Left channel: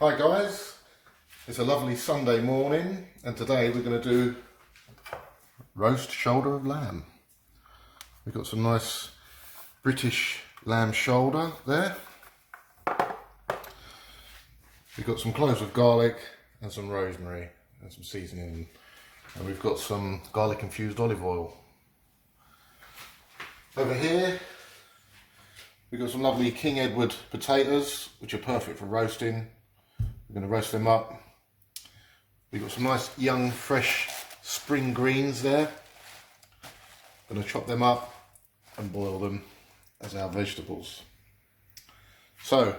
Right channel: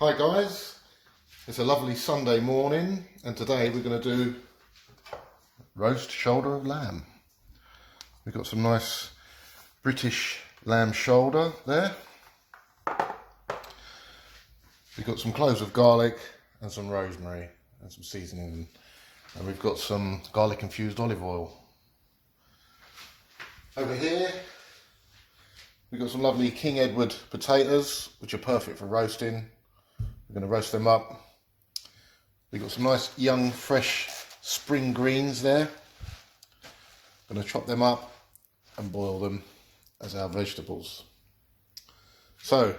Hi guys, it's a lovely Sunday morning and today we're going to do roast shoulder of lamb. We've got some nice British lamb shoulder there. We've got some cloves of garlic and some rosemary and some seasoning, and we've got some garlic infused olive oil. Over here we've got some lovely King Edward potatoes which are perfect for roasting. We're going to roast them up. We've got some nice young fresh spring greens there. I'm going to chop them up and boil them as our vegetables. So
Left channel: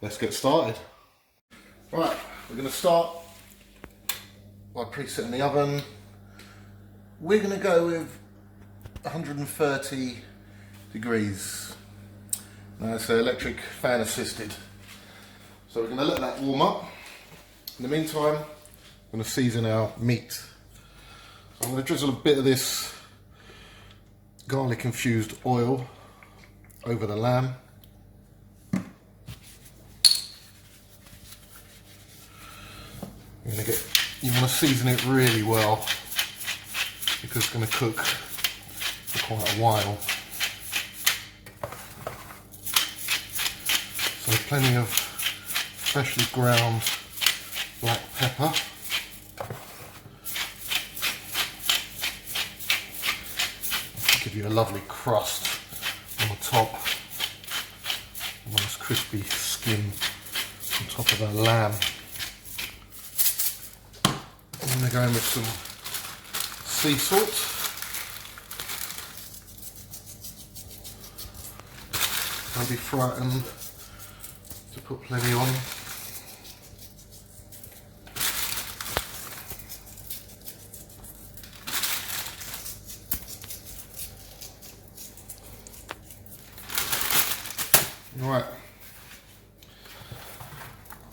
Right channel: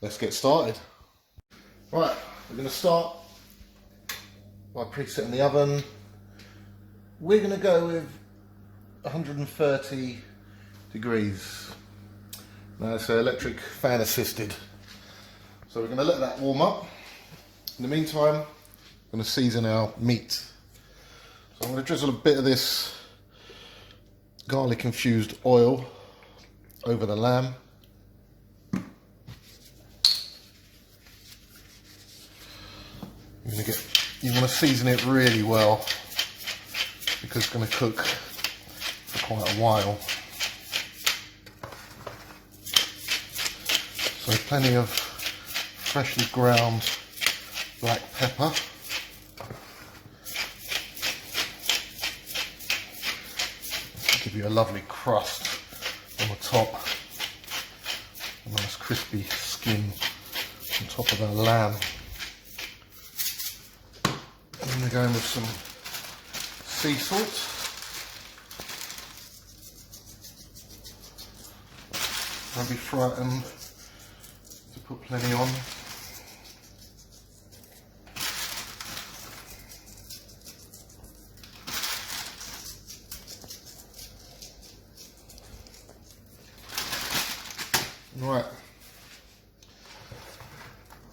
let's get started. Right, we're going to start by presetting the oven. We're going to go with 130 degrees. Now it's electric fan assisted. So we're going to let that warm up. In the meantime, I'm going to season our meat. So I'm going to drizzle a bit of this garlic infused oil over the lamb. You want to season it really well because it's going to cook for quite a while. So plenty of freshly ground black pepper. Give you a lovely crust on the top. A nice crispy skin on top of our lamb. And then we're going with some sea salt. Don't be frightened to put plenty on. Right,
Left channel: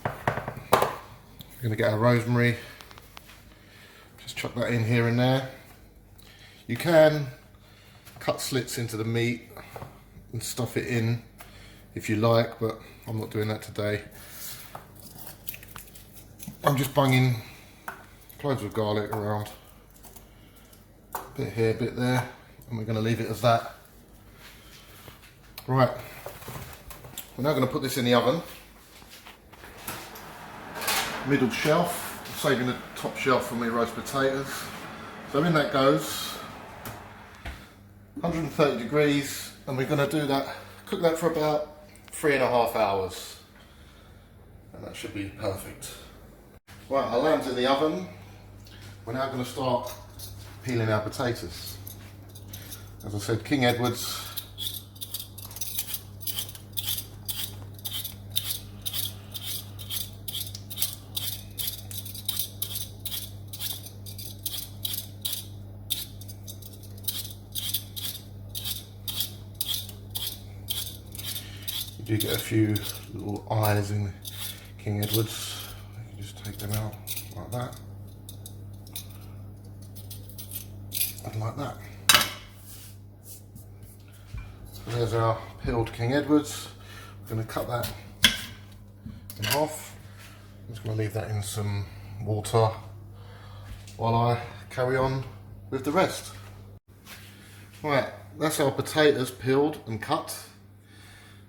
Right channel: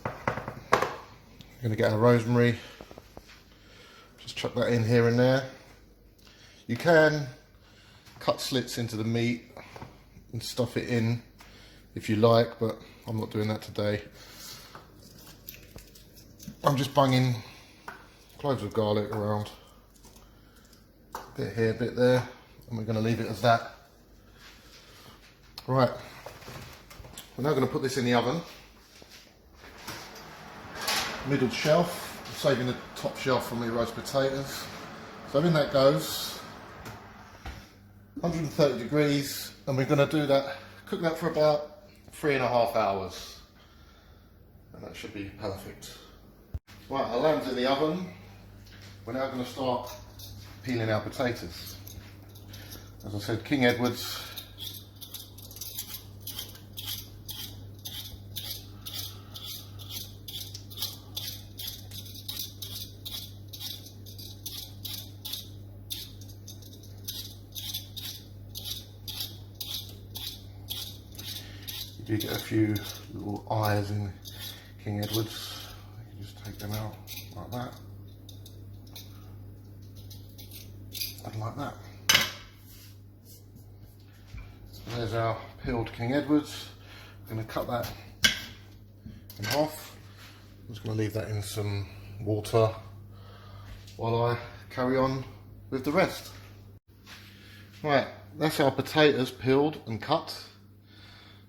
we're going to get our rosemary, just chuck that in here and there. You can cut slits into the meat and stuff it in if you like, but I'm not doing that today. I'm just bunging cloves of garlic around, a bit here, a bit there, and we're going to leave it as that. Right. We're now going to put this in the oven, middle shelf, saving the top shelf for my roast potatoes. So in that goes, 130 degrees, and we're going to do that, cook that for about 3.5 hours, and that should be perfect. Right, our lamb's in the oven. We're now going to start peeling our potatoes. As I said, King Edward's. You do get a few little eyes in King Edward's. You can just take them out like that. And like that. So there's our peeled King Edward's. I'm going to cut that in half. I'm just going to leave that in some water while I carry on with the rest. Right, that's our potatoes peeled and cut.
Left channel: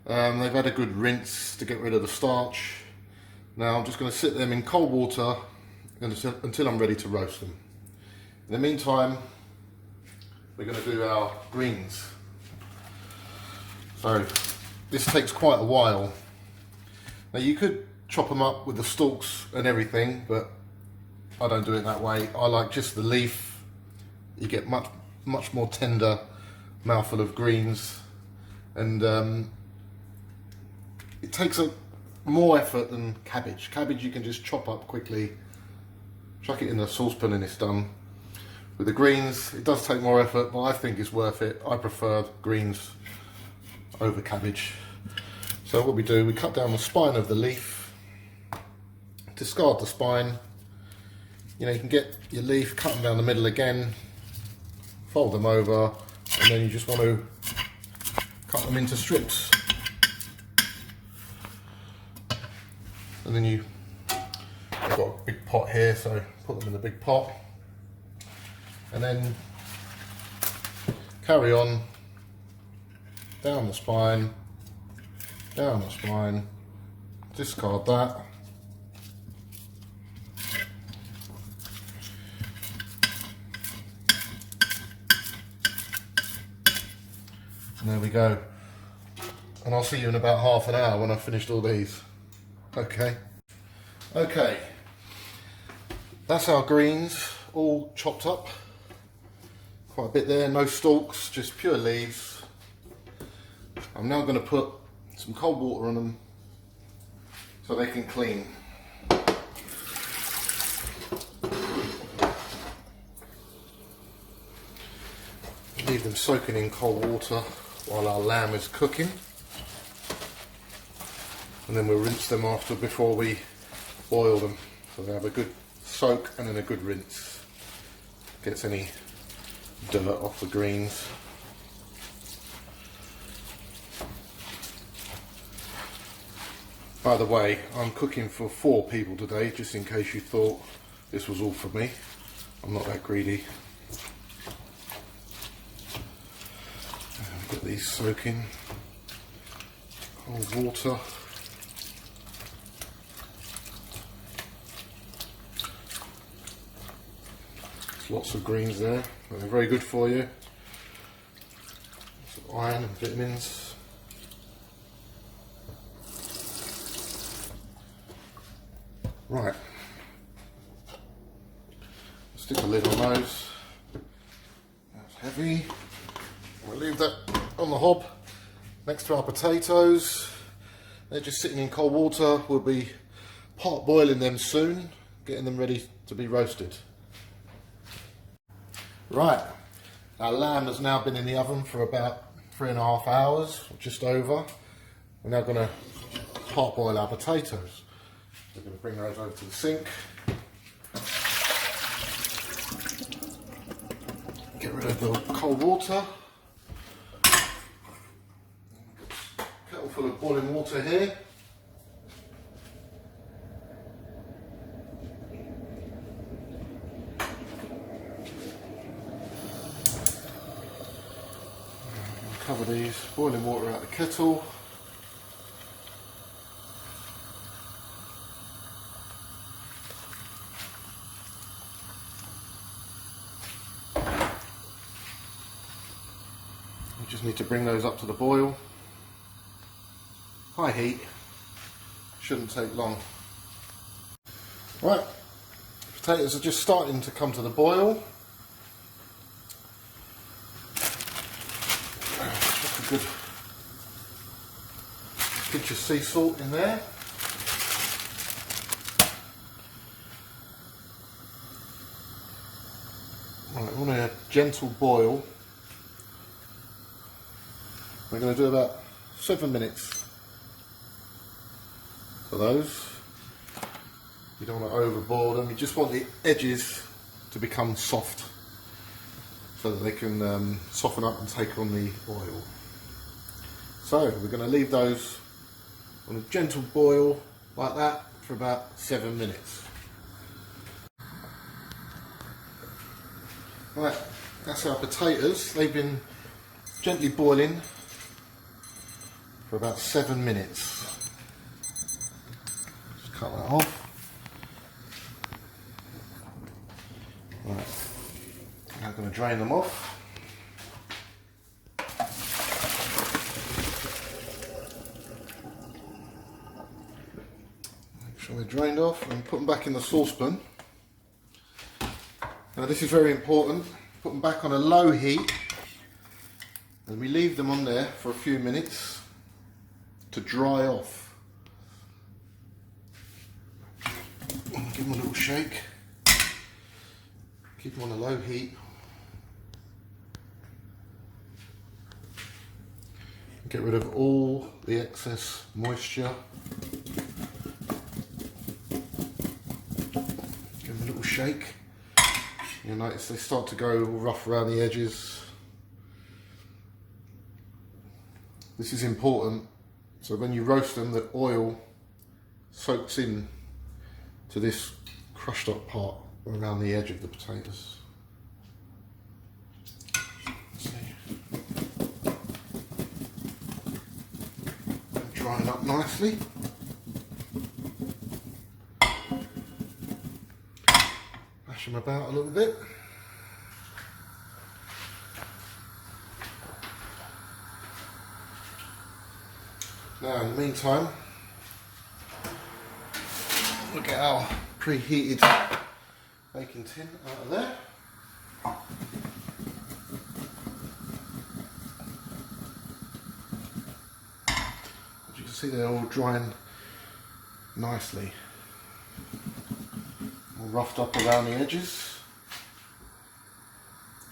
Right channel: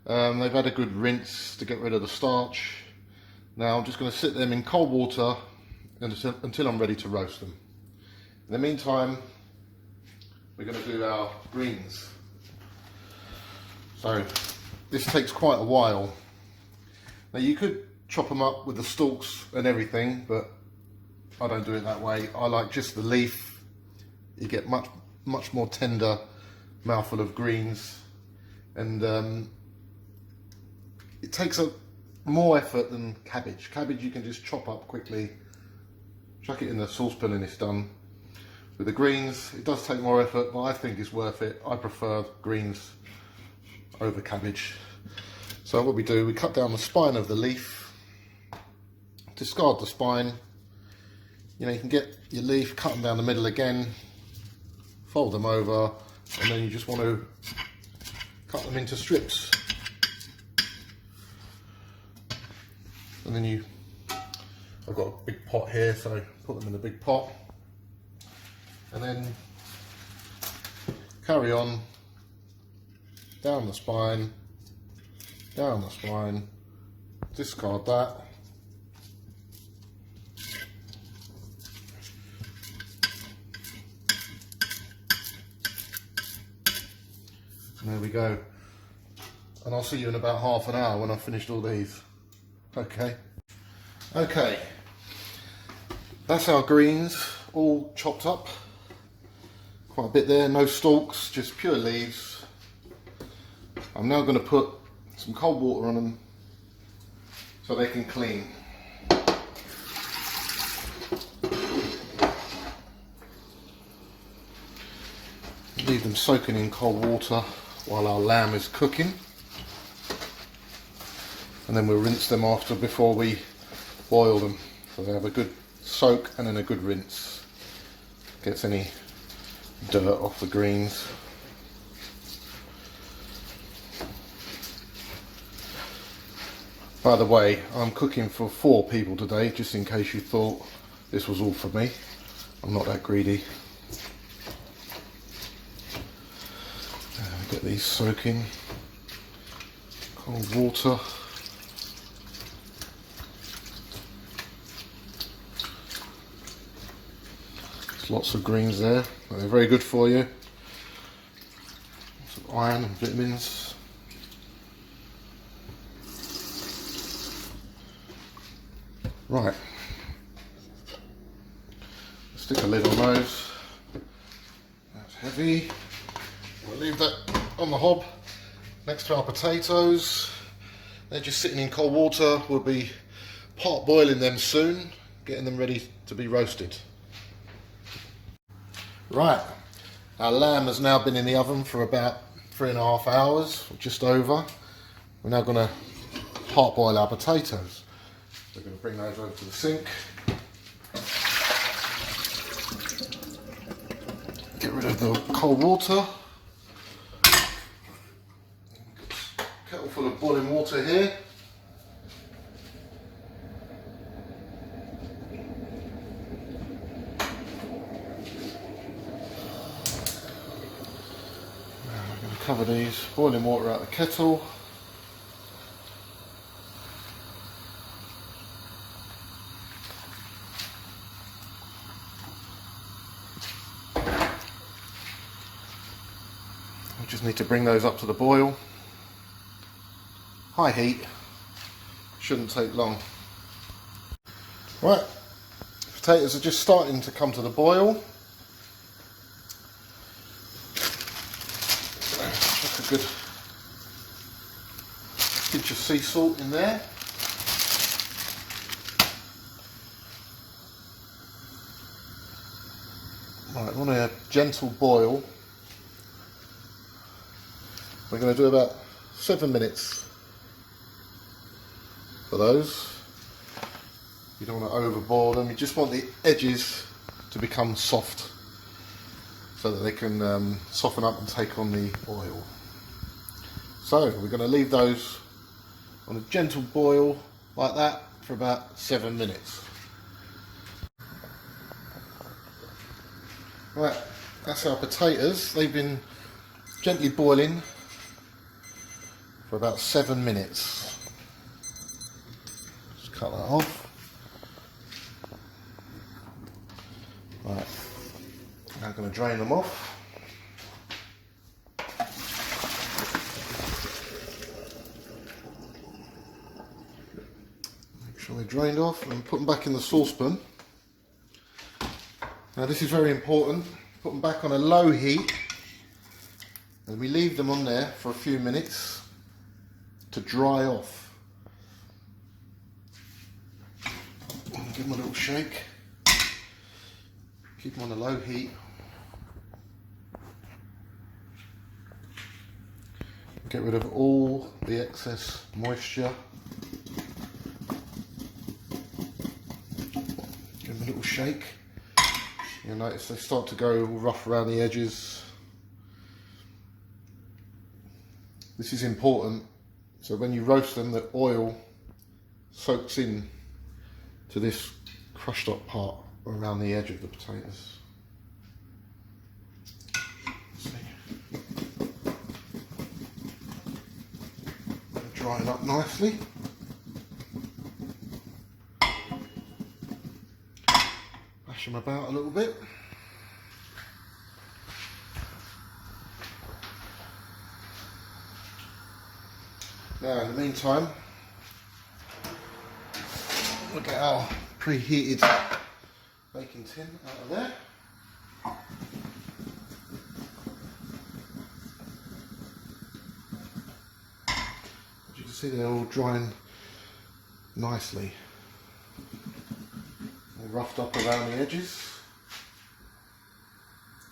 They've had a good rinse to get rid of the starch. Now I'm just going to sit them in cold water until I'm ready to roast them. In the meantime, we're going to do our greens. So this takes quite a while. Now you could chop them up with the stalks and everything, but I don't do it that way. I like just the leaf. You get much more tender mouthful of greens, and it takes more effort than cabbage. Cabbage you can just chop up quickly, chuck it in the saucepan and it's done. With the greens, it does take more effort, but I think it's worth it. I prefer greens over cabbage. So what we do, we cut down the spine of the leaf, discard the spine. You know, you can get your leaf, cut them down the middle again, fold them over, and then you just want to cut them into strips. And then I've got a big pot here, so put them in the big pot. And then carry on down the spine, discard that. And there we go. And I'll see you in about half an hour when I've finished all these. Okay. Okay. That's our greens all chopped up. Quite a bit there, no stalks, just pure leaves. I'm now going to put some cold water on them so they can clean. Leave them soaking in cold water while our lamb is cooking. And then we'll rinse them after before we boil them. So they have a good soak and then a good rinse. Gets any dirt off the greens. By the way, I'm cooking for 4 people today, just in case you thought this was all for me. I'm not that greedy. Get these soaking. Cold water. There's lots of greens there. They're very good for you. Lots of iron and vitamins. Right. Stick a lid on those. That's heavy. We'll leave that on the hob next to our potatoes. They're just sitting in cold water. We'll be part boiling them soon, getting them ready to be roasted. Right, our lamb has now been in the oven for about 3.5 hours, or just over. We're now going to part boil our potatoes. We're going to bring those over to the sink. Get rid of the cold water. Kettle full of boiling water here. Cover these, boiling water out of the kettle. We just need to bring those up to the boil. High heat, shouldn't take long. Right, potatoes are just starting to come to the boil. Just a good pinch of sea salt in there. Right, we want a gentle boil. We're going to do about 7 minutes for those. You don't want to overboil them, you just want the edges to become soft so that they can soften up and take on the oil. So we're going to leave those on a gentle boil like that for about 7 minutes. Right, that's our potatoes. They've been gently boiling for about 7 minutes. Just cut that off. Right, now I'm going to drain them off. Make sure they're drained off and put them back in the saucepan. Now this is very important. Put them back on a low heat and we leave them on there for a few minutes to dry off. Give them a little shake. Keep them on a low heat. Get rid of all the excess moisture. Give them a little shake. You'll notice they start to go rough around the edges. This is important, so when you roast them, the oil soaks in to this crushed up part around the edge of the potatoes. Drying up nicely. Mash them about a little bit. Now in the meantime, we'll get our preheated baking tin out of there. As you can see, they're all drying nicely, all roughed up around the edges.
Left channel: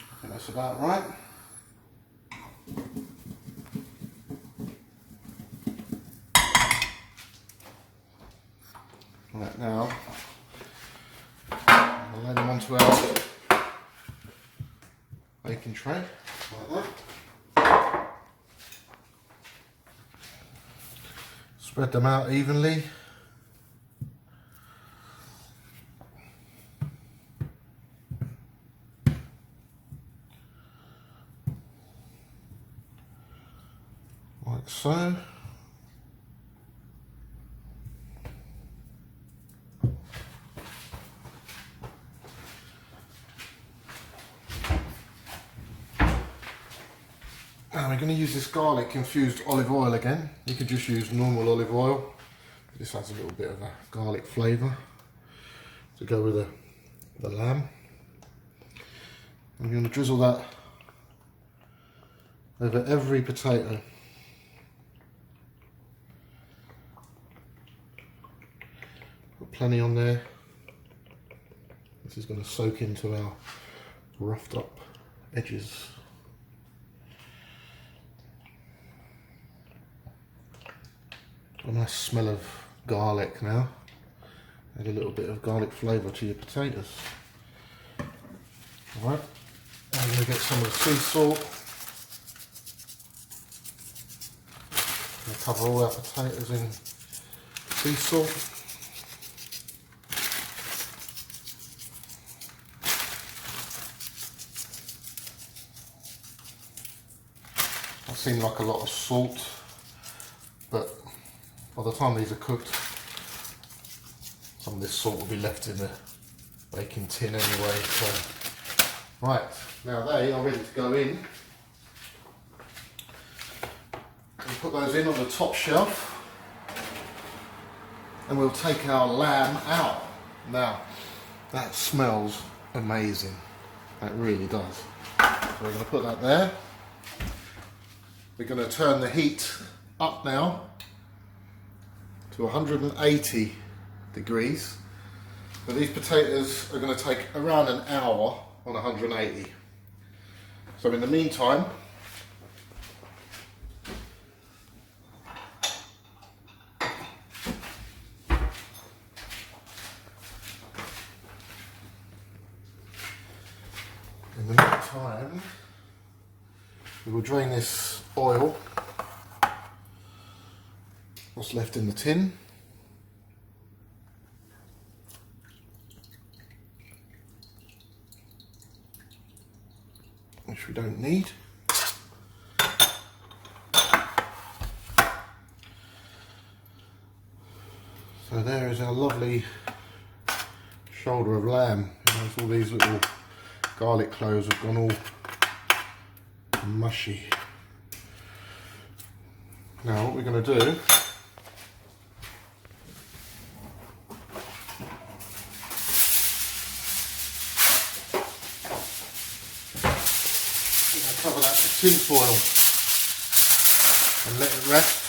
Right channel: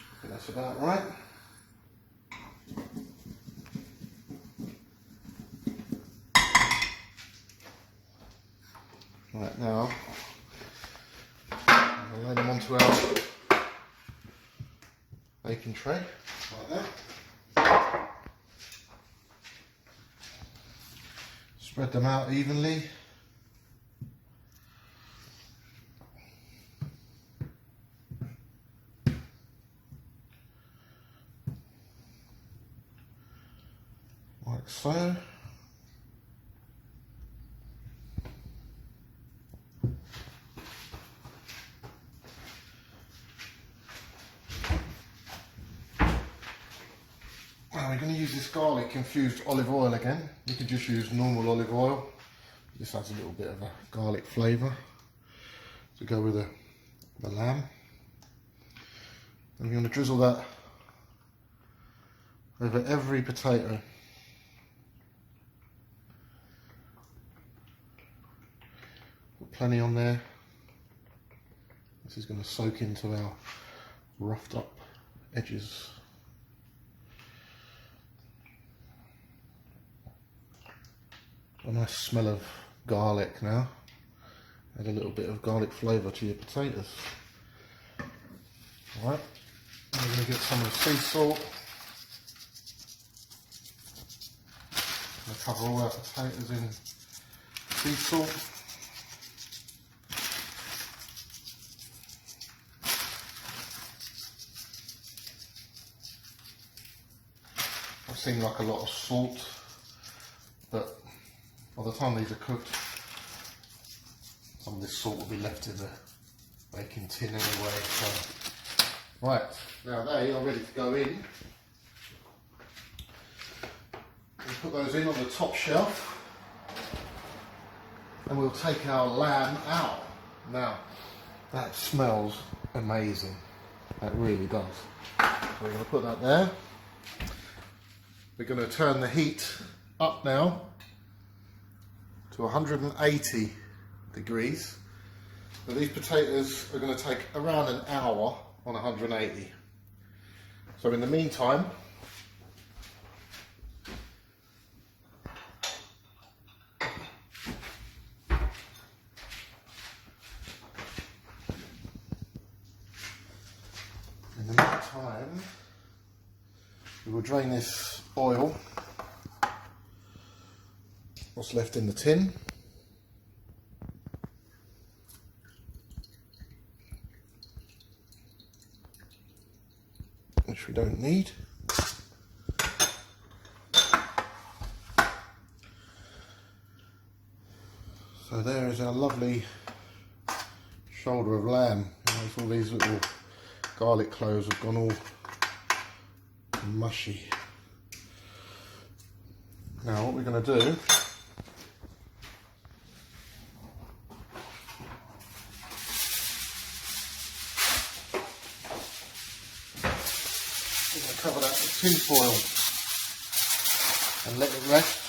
I think that's about right. Right, now I'll lay them onto our baking tray like that. Spread them out evenly. Like so. Now we're going to use this garlic infused olive oil again. You could just use normal olive oil. This adds a little bit of a garlic flavour to go with the lamb. I'm going to drizzle that over every potato. Put plenty on there. This is going to soak into our roughed up edges. A nice smell of garlic now. Add a little bit of garlic flavour to your potatoes. Alright, I'm going to get some of the sea salt. I'm going to cover all our potatoes in sea salt. That seemed like a lot of salt, but by the time these are cooked, some of this salt will be left in the baking tin anyway. So, right, now they are ready to go in. We'll put those in on the top shelf, and we'll take our lamb out. Now, that smells amazing. That really does. So we're going to put that there. We're going to turn the heat up now to 180 degrees. But these potatoes are going to take around an hour on 180. So in the meantime, we will drain this oil, what's left in the tin. Which we don't need. So there is our lovely shoulder of lamb. Notice all these little garlic cloves have gone all mushy. Now what we're going to do, cover that with tin foil and let it rest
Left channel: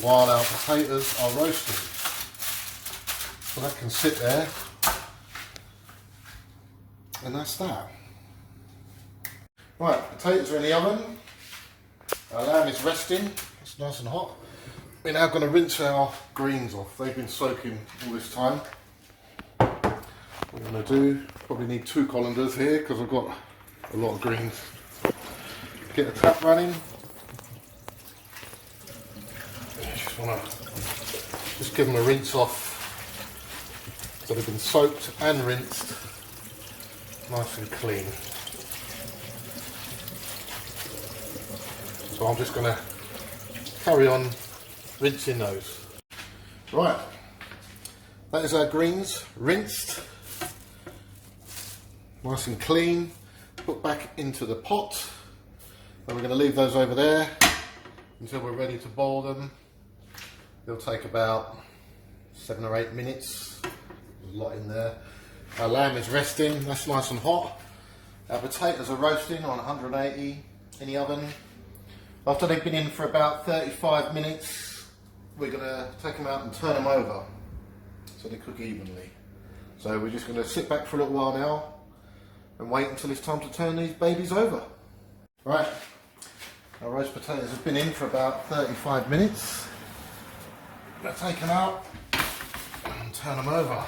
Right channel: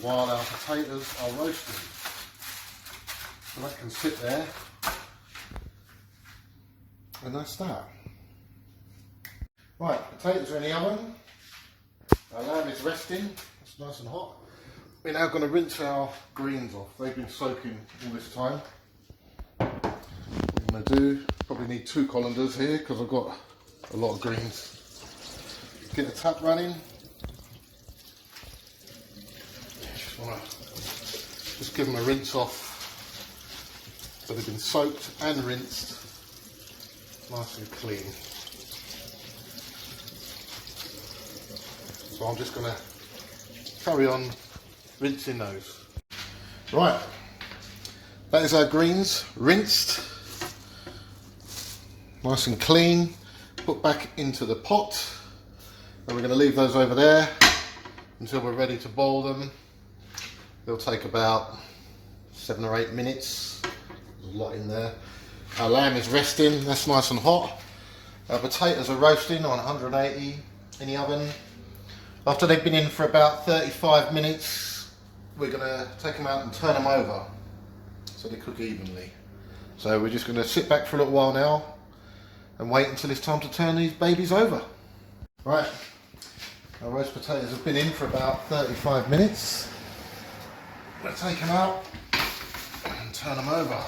while our potatoes are roasting. So that can sit there, and that's that. Right, potatoes are in the oven. Our lamb is resting, it's nice and hot. We're now going to rinse our greens off. They've been soaking all this time. What I'm going to do, probably need 2 colanders here because I've got a lot of greens. Get the tap running. just want to just give them a rinse off so they've been soaked and rinsed nice and clean. So I'm just going to carry on rinsing those. Right, that is our greens rinsed, nice and clean, put back into the pot, and we're going to leave those over there until we're ready to boil them. They'll take about 7 or 8 minutes. There's a lot in there. Our lamb is resting, that's nice and hot. Our potatoes are roasting on 180 in the oven. After they've been in for about 35 minutes, we're going to take them out and turn them over so they cook evenly. So we're just going to sit back for a little while now and wait until it's time to turn these babies over. Right, our roast potatoes have been in for about 35 minutes. I'm going to take them out and turn them over.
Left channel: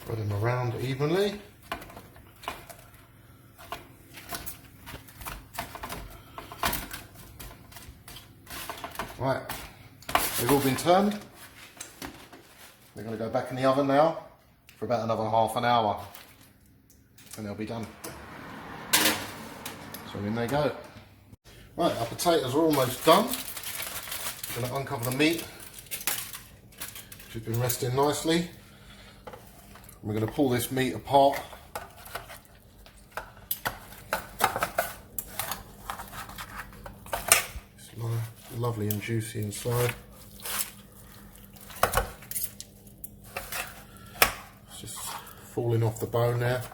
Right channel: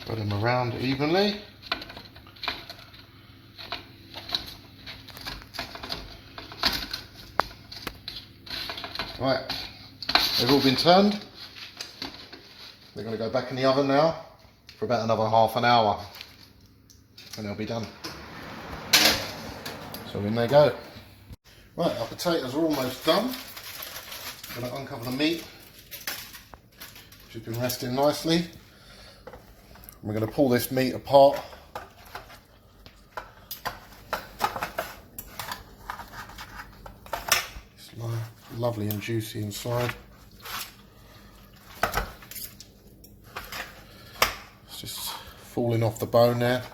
Spread them around evenly. Right, they've all been turned. They're going to go back in the oven now for about another half an hour and they'll be done. So in they go. Right, our potatoes are almost done. I'm going to uncover the meat, which has been resting nicely. We're going to pull this meat apart. It's lovely and juicy inside. It's just falling off the bone there.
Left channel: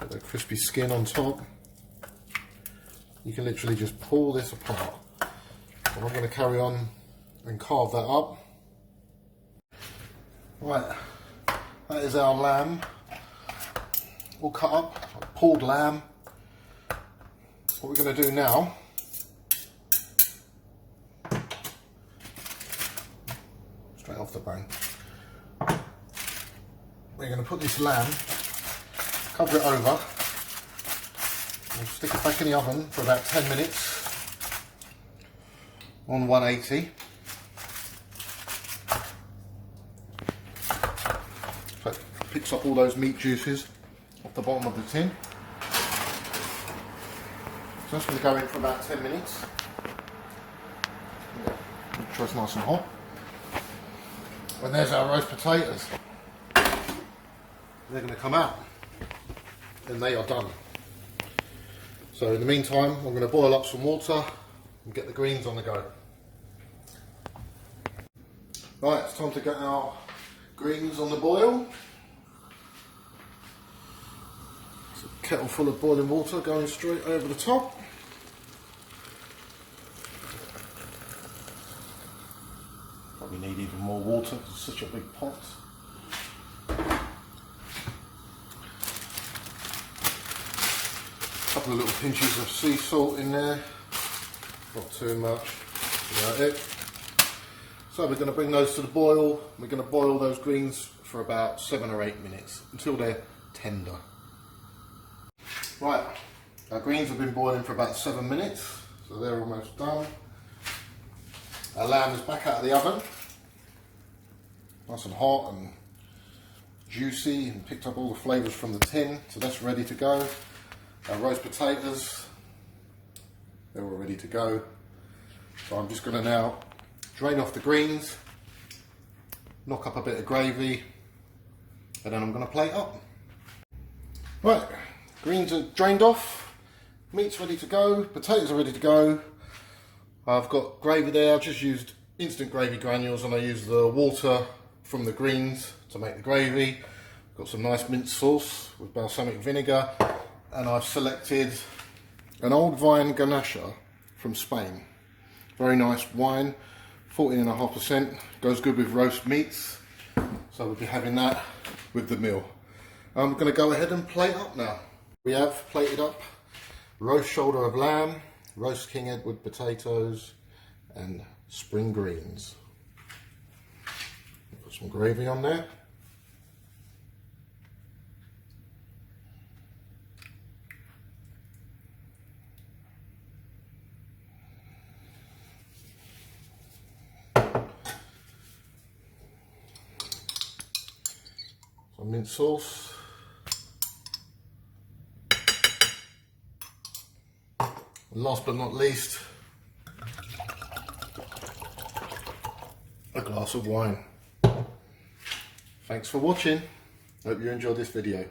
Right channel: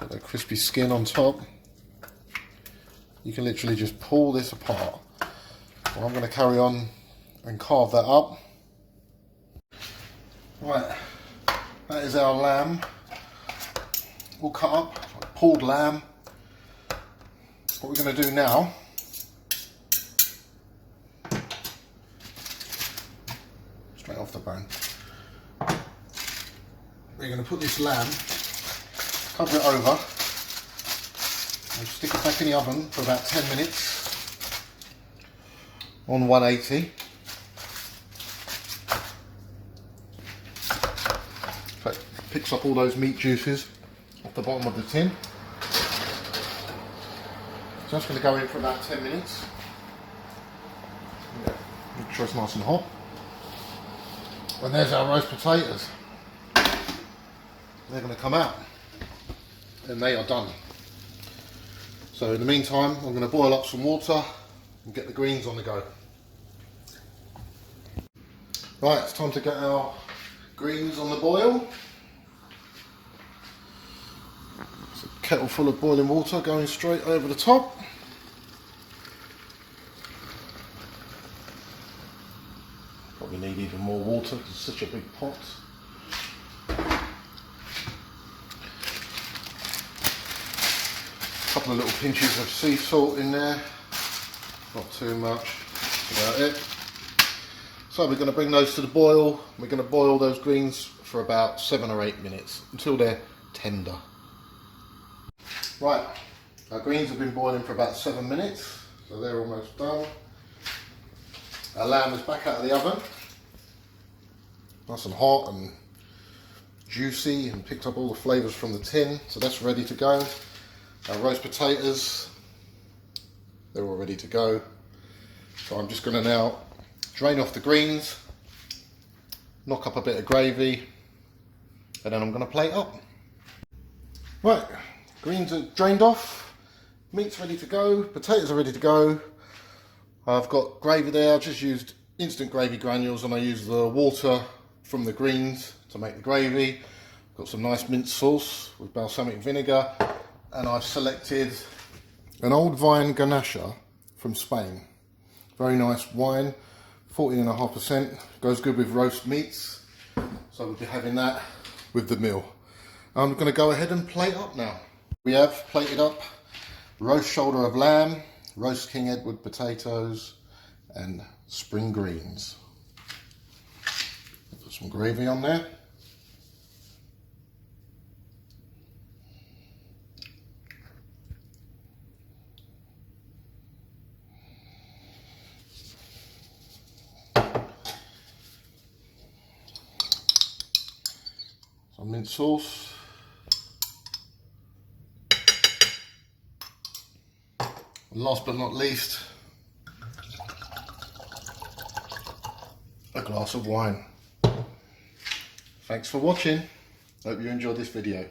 Got the crispy skin on top. You can literally just pull this apart. Well, I'm going to carry on and carve that up. Right. That is our lamb, all cut up, pulled lamb. What we're going to do now, straight off the bone, we're going to put this lamb, cover it over, and stick it back in the oven for about 10 minutes on 180. Picks up all those meat juices off the bottom of the tin. So that's going to go in for about 10 minutes. Make sure it's nice and hot. And there's our roast potatoes. They're going to come out and they are done. So in the meantime, I'm going to boil up some water and get the greens on the go. Right, it's time to get our greens on the boil. Kettle full of boiling water going straight over the top. Probably need even more water because it's such a big pot. A couple of little pinches of sea salt in there, not too much, that's about it. So we're going to bring those to the boil. We're going to boil those greens for about 7 or 8 minutes until they're tender. Right, our greens have been boiling for about 7 minutes, so they're almost done. Our lamb is back out of the oven, nice and hot and juicy and picked up all the flavours from the tin, so that's ready to go. Our roast potatoes, they're all ready to go. So I'm just going to now drain off the greens, knock up a bit of gravy, and then I'm going to plate up. Right. Greens are drained off, meat's ready to go, potatoes are ready to go. I've got gravy there. I've just used instant gravy granules and I use the water from the greens to make the gravy. Got some nice mint sauce with balsamic vinegar, and I've selected an old vine Garnacha from Spain. Very nice wine, 14.5%, goes good with roast meats. So we'll be having that with the meal. I'm going to go ahead and plate up now. We have plated up roast shoulder of lamb, roast King Edward potatoes and spring greens. Put some gravy on there. some mint sauce. And last but not least, a glass of wine. Thanks for watching. Hope you enjoyed this video.